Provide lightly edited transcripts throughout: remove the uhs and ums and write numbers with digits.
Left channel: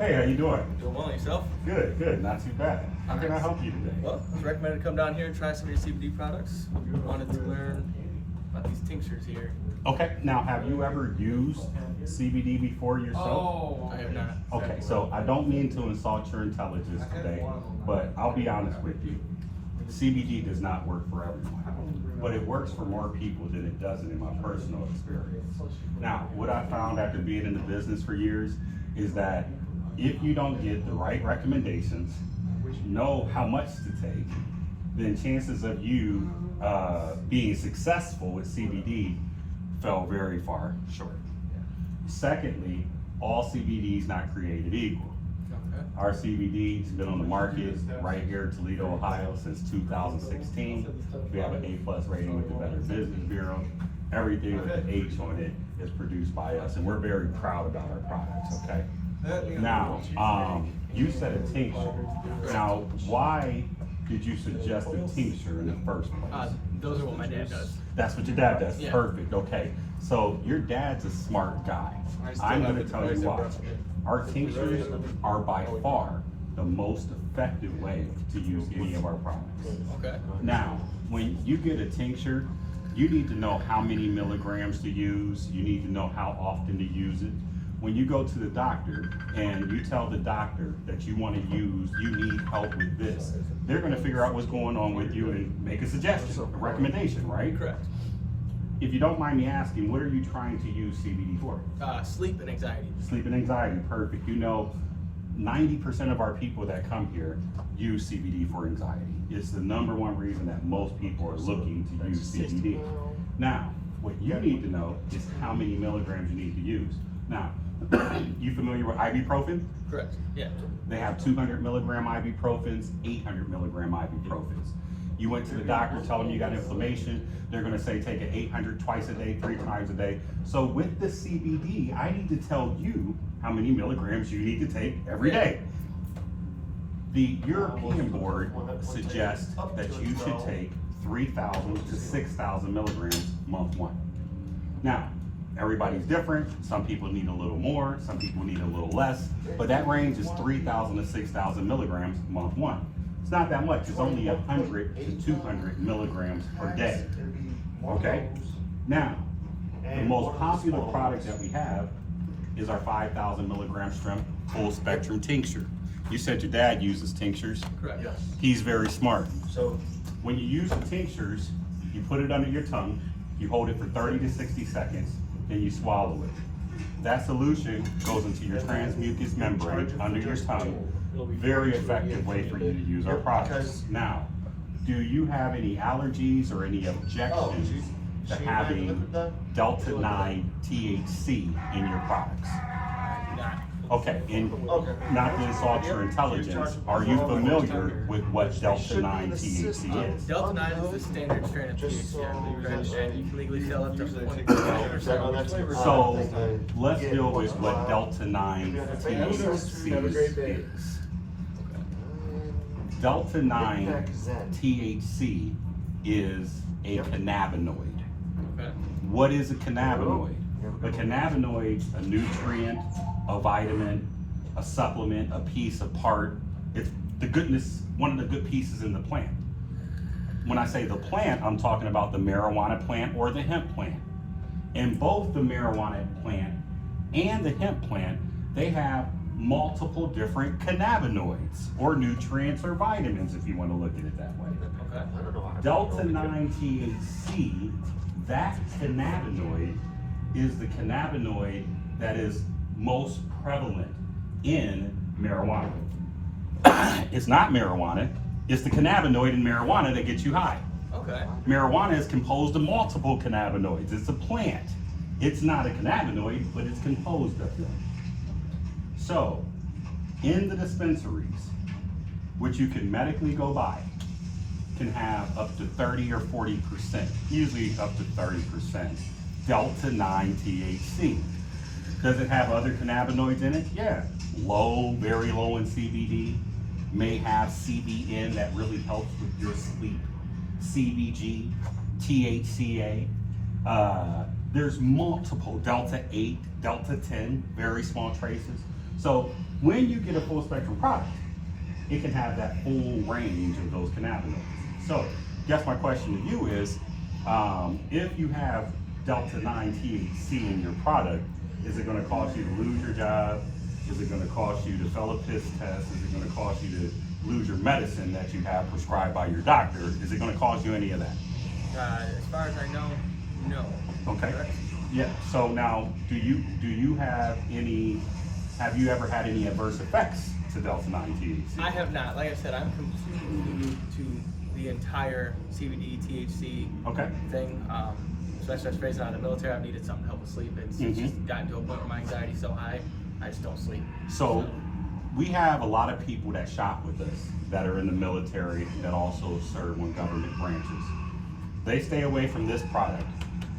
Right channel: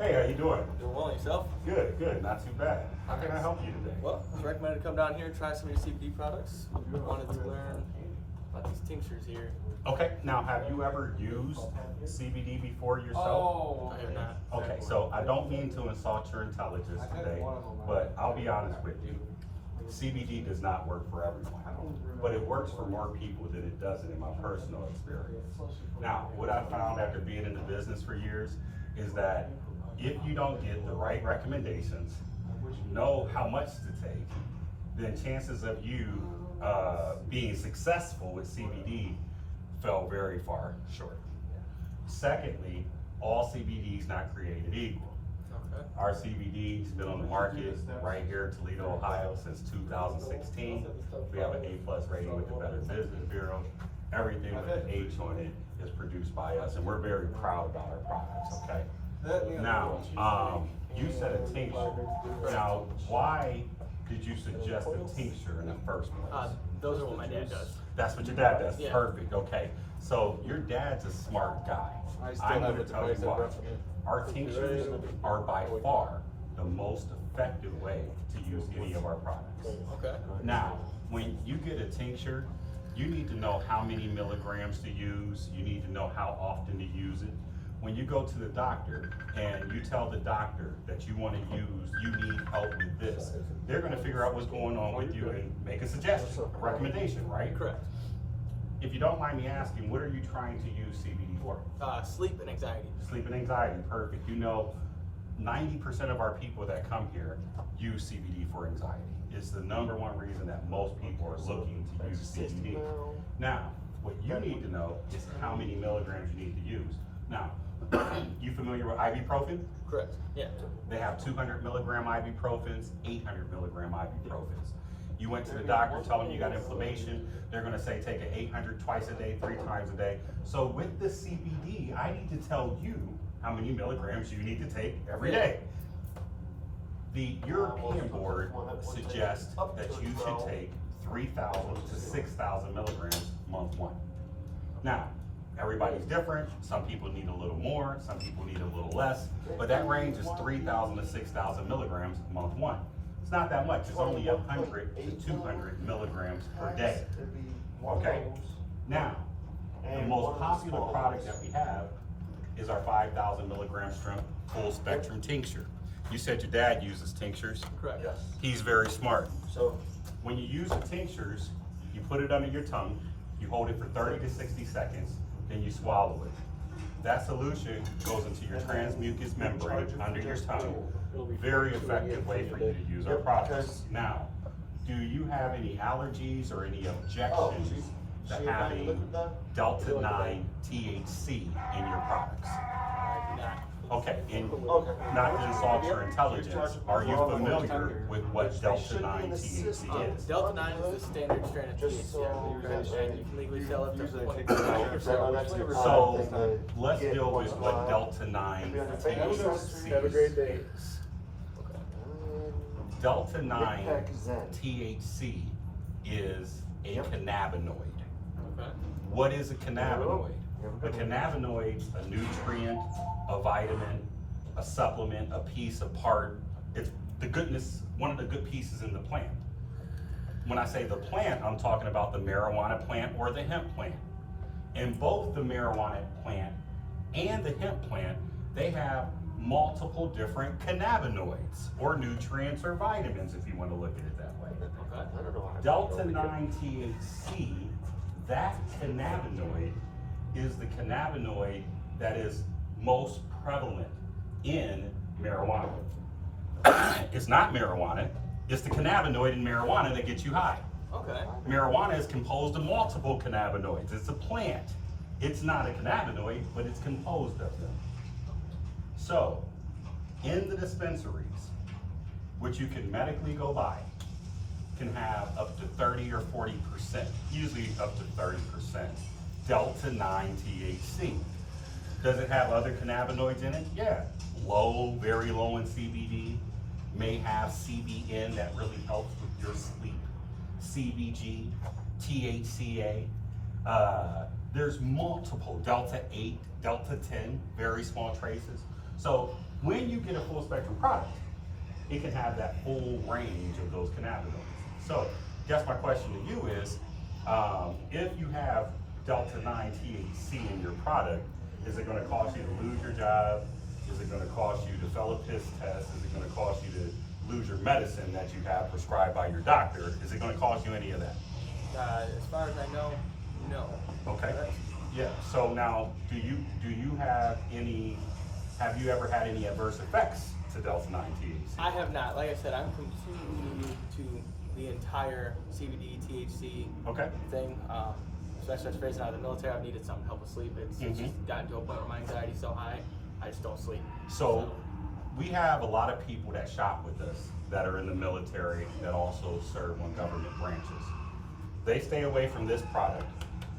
Hey, how you doing? Doing well, yourself? Good, good. Not too bad. How can I help you today? Well, I was recommended to come down here and try some of your CBD products. We wanted to learn about these tinctures here. Okay. Now, have you ever used CBD before yourself? I have not. Okay, so I don't mean to insult your intelligence today, but I'll be honest with you. CBD does not work for everyone, but it works for more people than it doesn't in my personal experience. Now, what I found after being in the business for years is that if you don't get the right recommendations, know how much to take, then chances of you being successful with CBD fell very far short. Secondly, all CBD is not created equal. Okay. Our CBD has been on the market right here in Toledo, Ohio since 2016. We have an A+ rating with the Better Business Bureau. Everything with the H on it is produced by us, and we're very proud about our products, okay? Now, you said a tincture. Now, why did you suggest a tincture in the first place? Those are what my dad does. That's what your dad does. Yeah. Perfect. Okay. So your dad's a smart guy. I'm going to tell you why. Our tinctures are by far the most effective way to use any of our products. Okay. Now, when you get a tincture, you need to know how many milligrams to use. You need to know how often to use it. When you go to the doctor and you tell the doctor that you want to use, you need help with this, they're going to figure out what's going on with you and make a suggestion, a recommendation, right? Correct. If you don't mind me asking, what are you trying to use CBD for? Sleep and anxiety. Sleep and anxiety, perfect. You know, 90% of our people that come here use CBD for anxiety. It's the #1 reason that most people are looking to use CBD. Now, what you need to know is how many milligrams you need to use. Now, you familiar with ibuprofen? Correct. Yeah. They have 200 milligram ibuprofens, 800 milligram ibuprofens. You went to the doctor, tell them you got inflammation, they're gonna say take an 800 twice a day, 3 times a day. So with the CBD, I need to tell you how many milligrams you need to take every day. The European board suggests that you should take 3,000 to 6,000 milligrams month 1. Now, everybody's different. Some people need a little more, some people need a little less, but that range is 3,000 to 6,000 milligrams month 1. It's not that much. It's only 100 to 200 milligrams per day. Okay? Now, the most popular product that we have is our 5,000 milligram strength full spectrum tincture. You said your dad uses tinctures. Correct. Yes. He's very smart. So when you use the tinctures, you put it under your tongue, you hold it for 30 to 60 seconds, then you swallow it. That solution goes into your transmucous membrane under your tongue. Very effective way for you to use our products. Now, do you have any allergies or any objections to having Delta-9 THC in your products? I do not. Okay, and not to insult your intelligence, are you familiar with what Delta-9 THC is? Delta-9 is the standard strain of THC, correct? And you can legally sell up to 0.5%. So let's deal with what Delta-9 THC is. Delta-9 THC is a cannabinoid. Okay. What is a cannabinoid? A cannabinoid, a nutrient, a vitamin, a supplement, a piece, a part. It's the goodness, one of the good pieces in the plant. When I say the plant, I'm talking about the marijuana plant or the hemp plant. And both the marijuana plant and the hemp plant, they have multiple different cannabinoids or nutrients or vitamins, if you want to look at it that way. Okay. Delta-9 THC, that cannabinoid is the cannabinoid that is most prevalent in marijuana. It's not marijuana, it's the cannabinoid in marijuana that gets you high. Okay. Marijuana is composed of multiple cannabinoids. It's a plant. It's not a cannabinoid, but it's composed of them. So, in the dispensaries, which you can medically go buy, can have up to 30 or 40%, usually up to 30%, Delta-9 THC. Does it have other cannabinoids in it? Yeah. Low, very low in CBD. May have CBN that really helps with your sleep. CBG, THCA. There's multiple, Delta-8, Delta-10, very small traces. So when you get a full spectrum product, it can have that full range of those cannabinoids. So guess my question to you is, if you have Delta 9 THC in your product, is it gonna cause you to lose your job? Is it gonna cause you to fail a piss test? Is it gonna cause you to lose your medicine that you have prescribed by your doctor? Is it gonna cause you any of that? As far as I know, no. Okay. Correct? Yeah, so now, do you have you ever had any adverse effects to Delta 9 THC? I have not. Like I said, I'm completely new to the entire CBD, THC Okay. thing. Especially as raised out of the military, I've needed something to help with sleep. It's just gotten to a point where my anxiety's so high, I just don't sleep. So we have a lot of people that shop with us that are in the military that also serve on government branches. They stay away from this product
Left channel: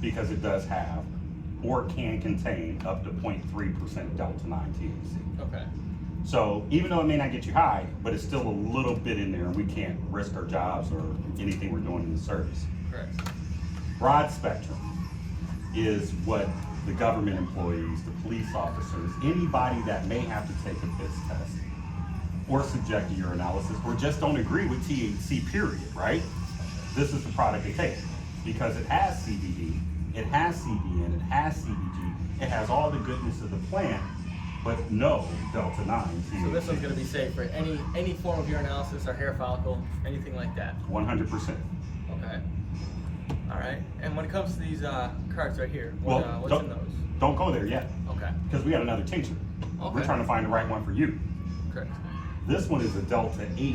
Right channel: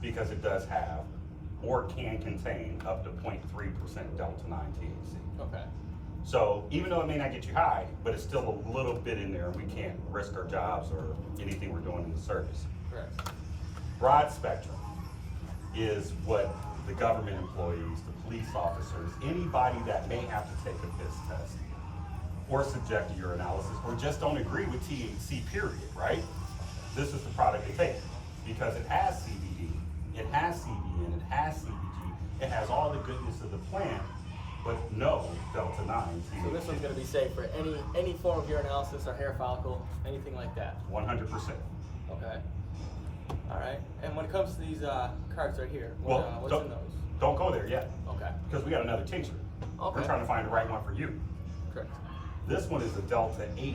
because it does have or can contain up to 0.3% Delta 9 THC. Okay. So even though it may not get you high, but it's still a little bit in there and we can't risk our jobs or anything we're doing in the service. Correct. Broad spectrum is what the government employees, the police officers, anybody that may have to take a piss test or subject to urinalysis or just don't agree with THC period, right? This is the product they take because it has CBD, it has CBN, it has CBG, it has all the goodness of the plant, but no Delta 9 THC. So this one's going to be safe for any form of urinalysis or hair follicle, anything like that. 100%. Okay. All right. And when it comes to these carts right here, Well, what's in those? Don't go there yet Okay. because we got another tincture. Okay. We're trying to find the right one for you. Correct. This one is a Delta 8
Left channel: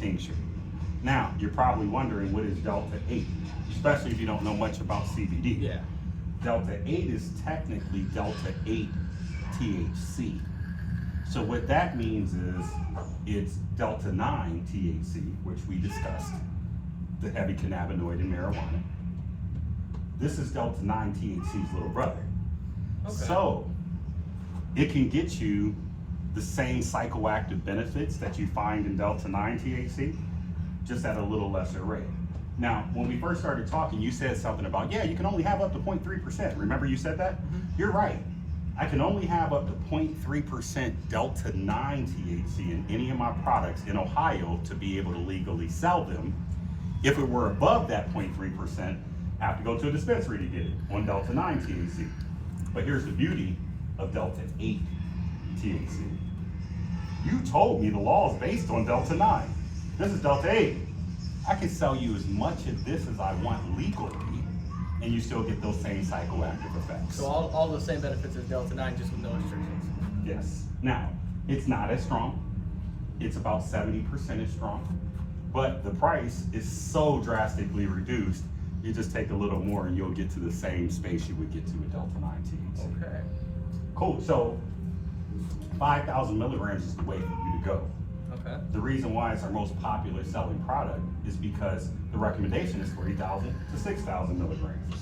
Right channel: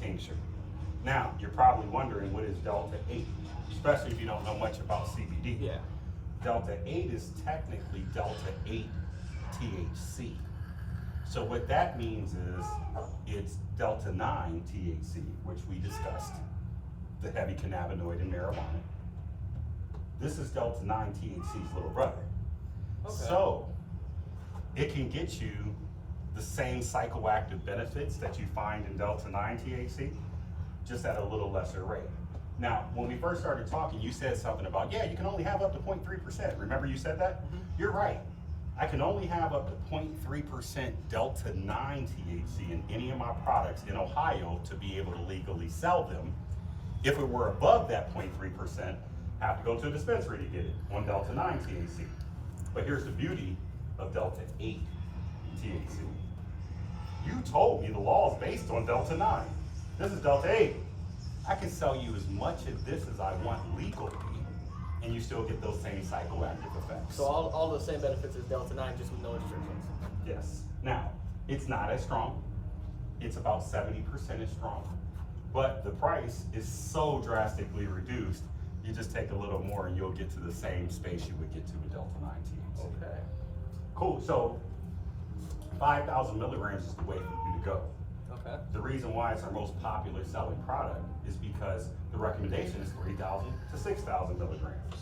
tincture. Now, you're probably wondering what is Delta 8, especially if you don't know much about CBD. Yeah. Delta 8 is technically Delta 8 THC. So what that means is it's Delta 9 THC, which we discussed, the heavy cannabinoid in marijuana. This is Delta 9 THC's little brother. Okay. So it can get you the same psychoactive benefits that you find in Delta 9 THC, just at a little lesser rate. Now, when we first started talking, you said something about, yeah, you can only have up to 0.3%. Remember you said that? You're right. I can only have up to 0.3% Delta 9 THC in any of my products in Ohio to be able to legally sell them. If it were above that 0.3%, I have to go to a dispensary to get it on Delta 9 THC. But here's the beauty of Delta 8 THC. You told me the law is based on Delta 9. This is Delta 8. I can sell you as much of this as I want legally, and you still get those same psychoactive effects. So all the same benefits as Delta 9, just with no restrictions. Yes. Now, it's not as strong. It's about 70% as strong. But the price is so drastically reduced, you just take a little more and you'll get to the same space you would get to with Delta 9 THC. Okay. Cool. So 5,000 milligrams is the way for you to go. Okay. The reason why it's our most popular selling product is because the recommendation is 3,000 to 6,000 milligrams.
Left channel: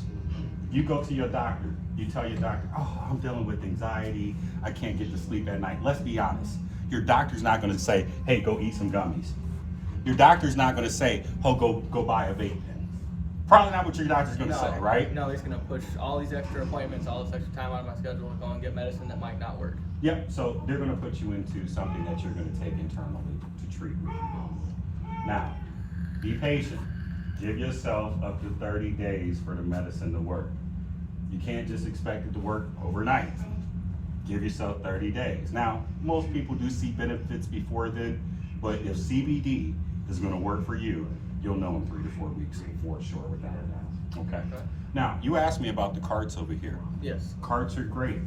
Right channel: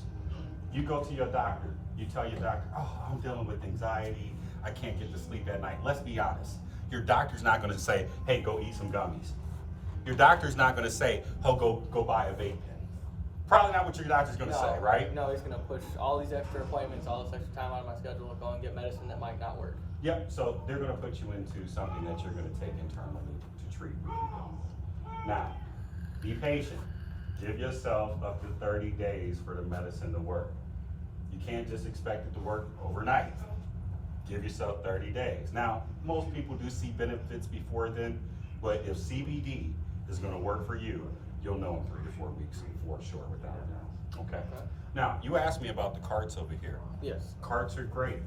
You go to your doctor, you tell your doctor, oh, I'm dealing with anxiety, I can't get to sleep at night. Let's be honest. Your doctor's not gonna say, hey, go eat some gummies. Your doctor's not gonna say, oh, go buy a vape pen. Probably not what your doctor's gonna say, right? No, he's gonna push all these extra appointments, all this extra time out of my schedule to go and get medicine that might not work. Yep, so they're gonna put you into something that you're gonna take internally to treat. Now, be patient. Give yourself up to 30 days for the medicine to work. You can't just expect it to work overnight. Give yourself 30 days. Now, most people do see benefits before then, but if CBD is gonna work for you, you'll know in 3 to 4 weeks for sure without a doubt. Okay? Okay. Now, you asked me about the carts over here. Yes. Carts are great.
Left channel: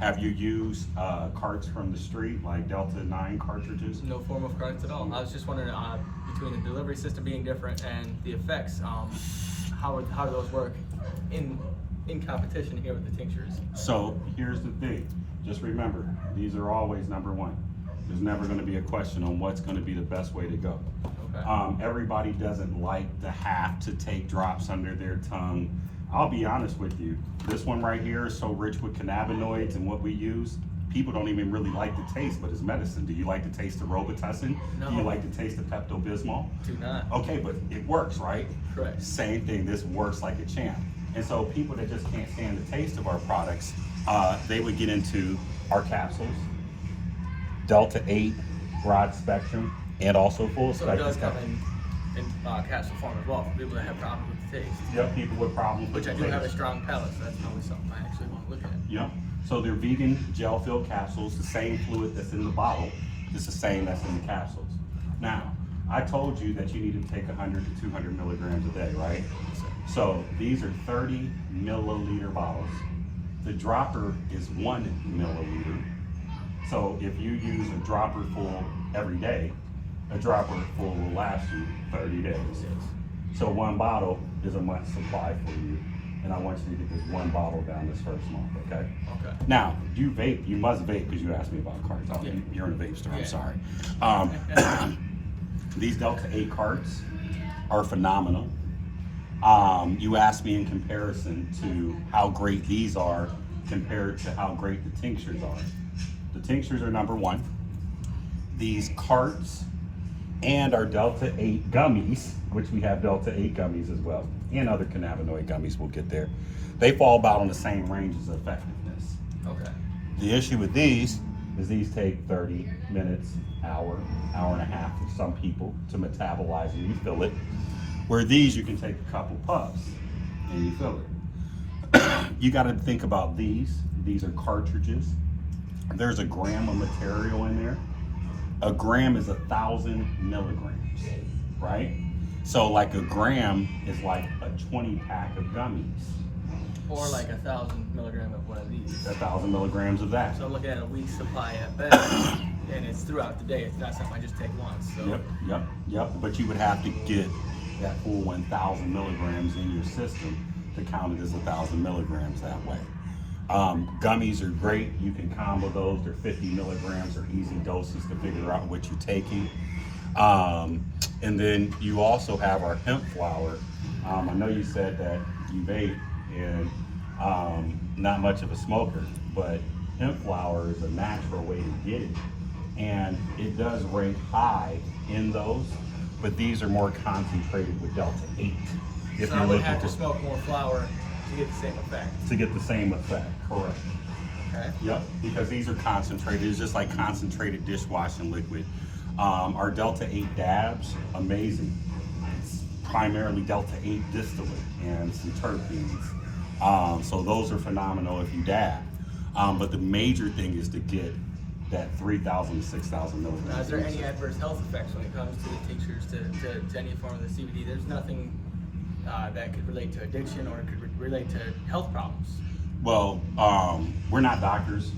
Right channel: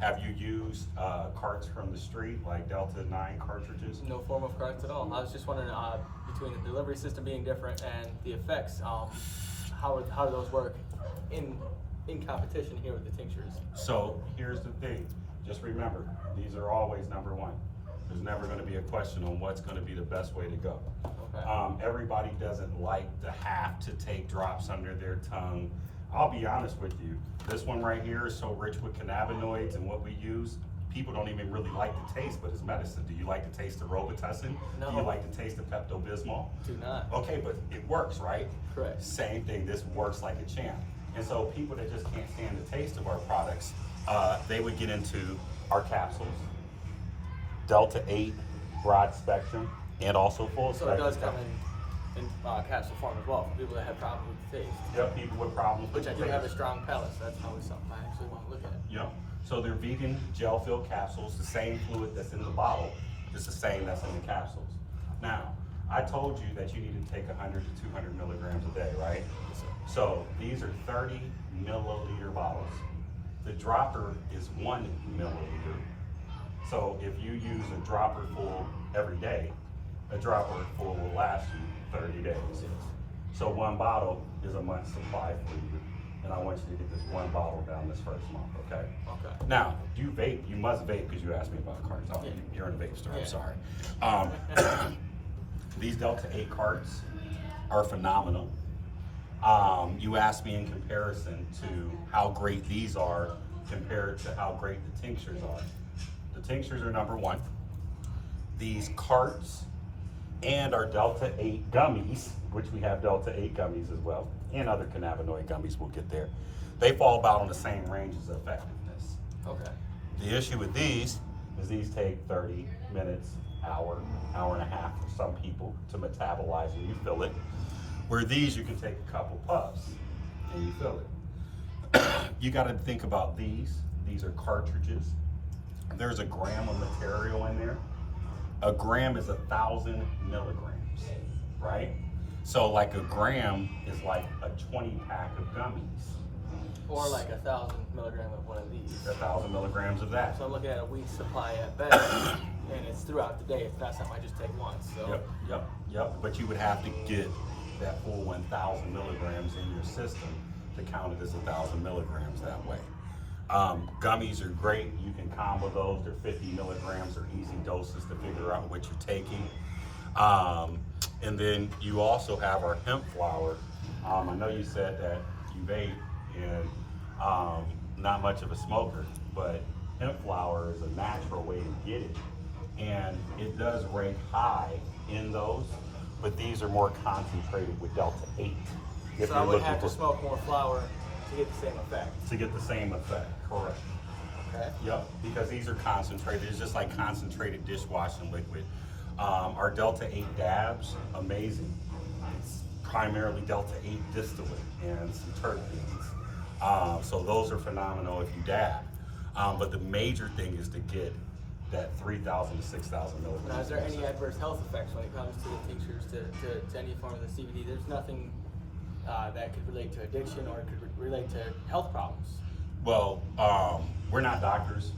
Have you used carts from the street, like Delta 9 cartridges? No form of carts at all. I was just wondering, between the delivery system being different and the effects, how do those work in competition here with the tinctures? So here's the thing. Just remember, these are always number one. There's never going to be a question on what's going to be the best way to go. Okay. Everybody doesn't like to have to take drops under their tongue. I'll be honest with you. This one right here is so rich with cannabinoids and what we use. People don't even really like the taste, but it's medicine. Do you like the taste of Robitussin? No. Do you like the taste of Pepto-Bismol? Do not. Okay, but it works, right? Correct. Same thing, this works like a champ. And so people that just can't stand the taste of our products they would get into our capsules, Delta 8, broad spectrum, and also full So it spectrum. does come in capsule form as well for people that have problems with the taste. Yep, people with problems with Which I the do have a taste. strong palate, so that's always something I actually want to look at. Yep. So they're vegan gel-filled capsules. The same fluid that's in the bottle is the same that's in the capsules. Now, I told you that you need to take 100 to 200 milligrams a day, right? So these are 30 milliliter bottles. The dropper is 1 milliliter. So if you use a dropper full every day, a dropper full will last you 30 days. So one bottle is a month's supply for you. And I want you to get this one bottle down this first month, okay? Okay. Now, you vape, you must vape because you asked me about carts. Oh, Yeah. you're in a vape store, I'm Yeah. sorry. These Delta 8 carts are phenomenal. You asked me in comparison to how great these are compared to how great the tinctures are. The tinctures are number one. These carts and our Delta 8 gummies, which we have Delta 8 gummies as well, and other cannabinoid gummies, we'll get there. They fall about on the same ranges of effectiveness. Okay. The issue with these is these take 30 minutes, hour and a half for some people to metabolize and refill it. Where these, you can take a couple puffs and you fill it. You got to think about these. These are cartridges. There's a gram of material in there. A gram is 1,000 milligrams, right? So like a gram is like a 20 pack of gummies. Or like 1,000 milligram of one of these. 1,000 milligrams of that. So I'm looking at a week's supply at best, and it's throughout the day. It's not something I just take once. So. Yep. But you would have to get that full 1,000 milligrams in your system to count it as 1,000 milligrams that way. Gummies are great. You can combo those. They're 50 milligrams or easy doses to figure out what you're taking. And then you also have our hemp flower. I know you said that you vape and not much of a smoker, but hemp flower is a natural way to get it. And it does rank high in those, but these are more concentrated with Delta 8. If So I you're would looking have to for- smoke more flour to get the same effect. to get the same effect, correct. Okay. Yep, because these are concentrated. It's just like concentrated dishwashing liquid. Our Delta 8 dabs, amazing. It's primarily Delta 8 distillate and some terpenes. So those are phenomenal if you dab. But the major thing is to get that 3,000 to 6,000 milligrams. Now, is there any adverse health effects when it comes to the tinctures, to any form of the CBD? There's nothing that could relate to addiction or could relate to health problems. Well, we're not doctors,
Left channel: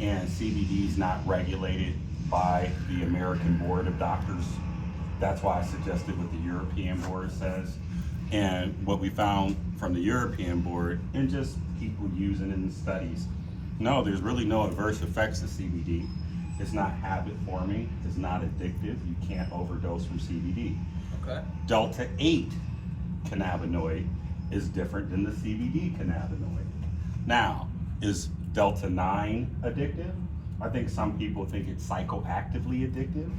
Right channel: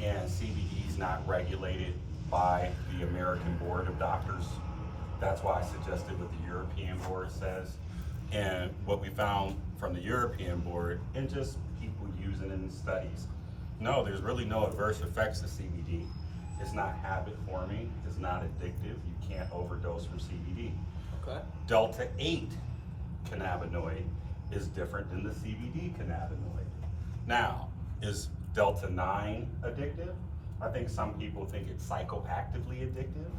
and CBD is not regulated by the American Board of Doctors. That's why I suggested what the European Board says. And what we found from the European Board, and just people using it in studies, no, there's really no adverse effects to CBD. It's not habit forming, it's not addictive, you can't overdose from CBD. Okay. Delta 8 cannabinoid is different than the CBD cannabinoid. Now, is Delta 9 addictive? I think some people think it's psychoactively addictive,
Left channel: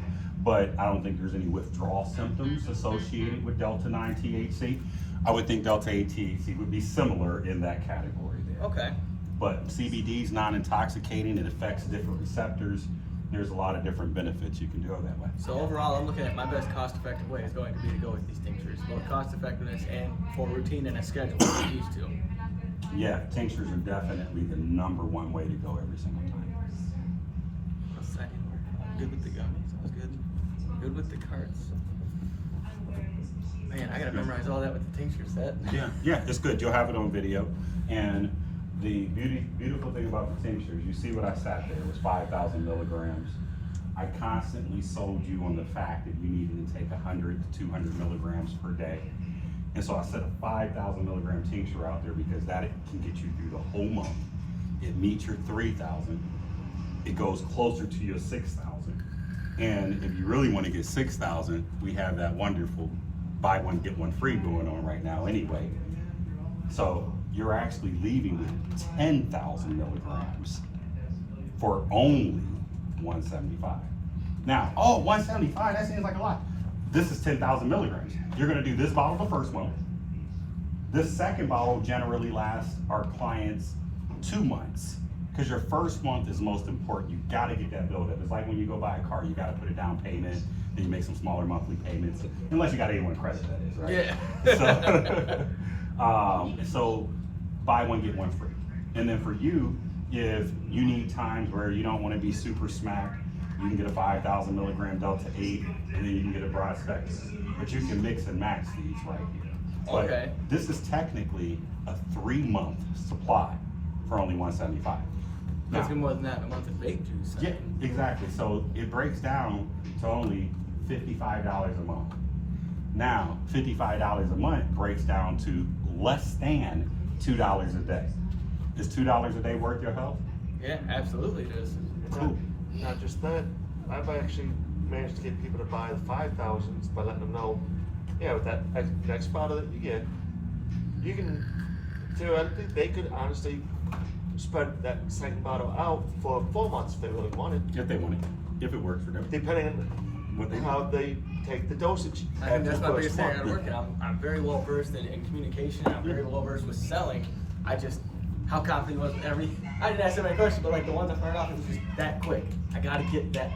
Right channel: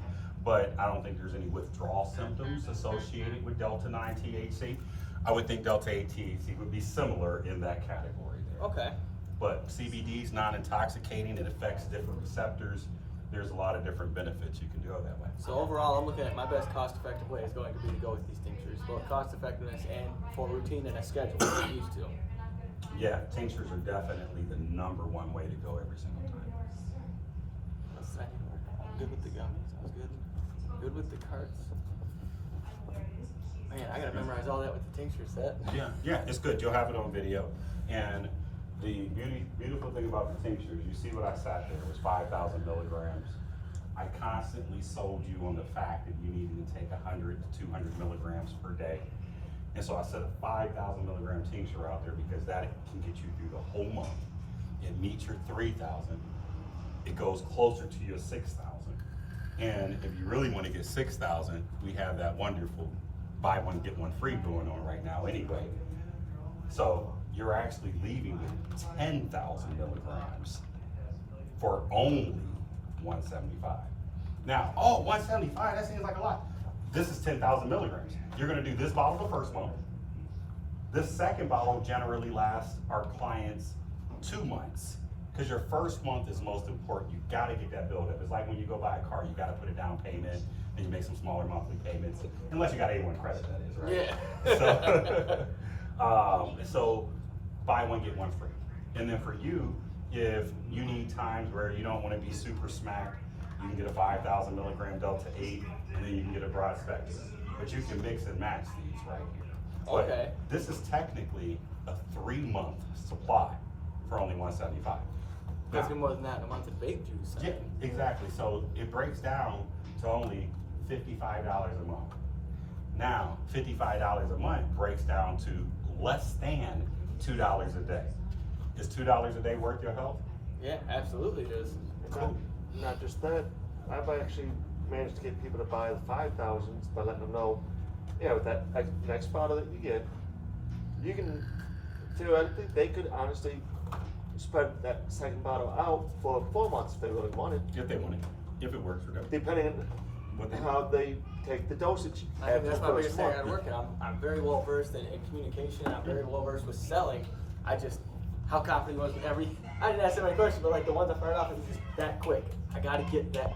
but I don't think there's any withdrawal symptoms associated with Delta 9 THC. I would think Delta 8 THC would be similar in that category there. Okay. But CBD is non-intoxicating, it affects different receptors. There's a lot of different benefits you can do it that way. So overall, I'm looking at my best cost-effective way is going to be to go with these tinctures, both cost-effectiveness and for routine and a schedule. These two. Yeah, tinctures are definitely the #1 way to go every single time. Good with the gummies. That was good. Good with the carts. Man, I gotta memorize all that with the tincture set. Yeah, it's good. You'll have it on video. And the beautiful thing about the tinctures, you see what I sat there, it was 5,000 milligrams. I constantly sold you on the fact that you needed to take 100 to 200 milligrams per day. And so I set a 5,000 milligram tincture out there because that can get you through the whole month. It meets your 3,000. It goes closer to your 6,000. And if you really want to get 6,000, we have that wonderful buy one, get one free going on right now anyway. So you're actually leaving with 10,000 milligrams for only 175. Now, 175, that seems like a lot. This is 10,000 milligrams. You're gonna do this bottle the first month. This second bottle generally lasts our clients 2 months. Because your first month is most important. You gotta get that build up. It's like when you go buy a car, you gotta put a down payment, then you make some smaller monthly payments. Unless you got A1 credit, that is, right? Yeah. So buy one, get one free. And then for you, if you need times where you don't wanna be super smacked, you can get a 5,000 milligram Delta 8, and then you can get a broad spectrum. But you can mix and match these right here. But Okay. this is technically a 3-month supply for only $175. That's Now, more than that. A month of vape juice. yeah, exactly. So it breaks down to only $55 a month. Now, $55 a month breaks down to less than $2 a day. Is $2 a day worth your health? Yeah, absolutely it is. Cool. Not just that, I've actually managed to get people to buy the 5,000s by letting them know, yeah, with that next bottle that you get, you can, theoretically, they could honestly spread that second bottle out for 4 months if they really wanted, If they want it, if it works for them. depending What they on how they take the dosage. I think that's my after the biggest first thing at month. work. I'm very well versed in communication. I'm very well versed with selling. I just, how confident was every, I didn't ask so many questions, but like the ones I fired off, it was just that quick. I gotta get that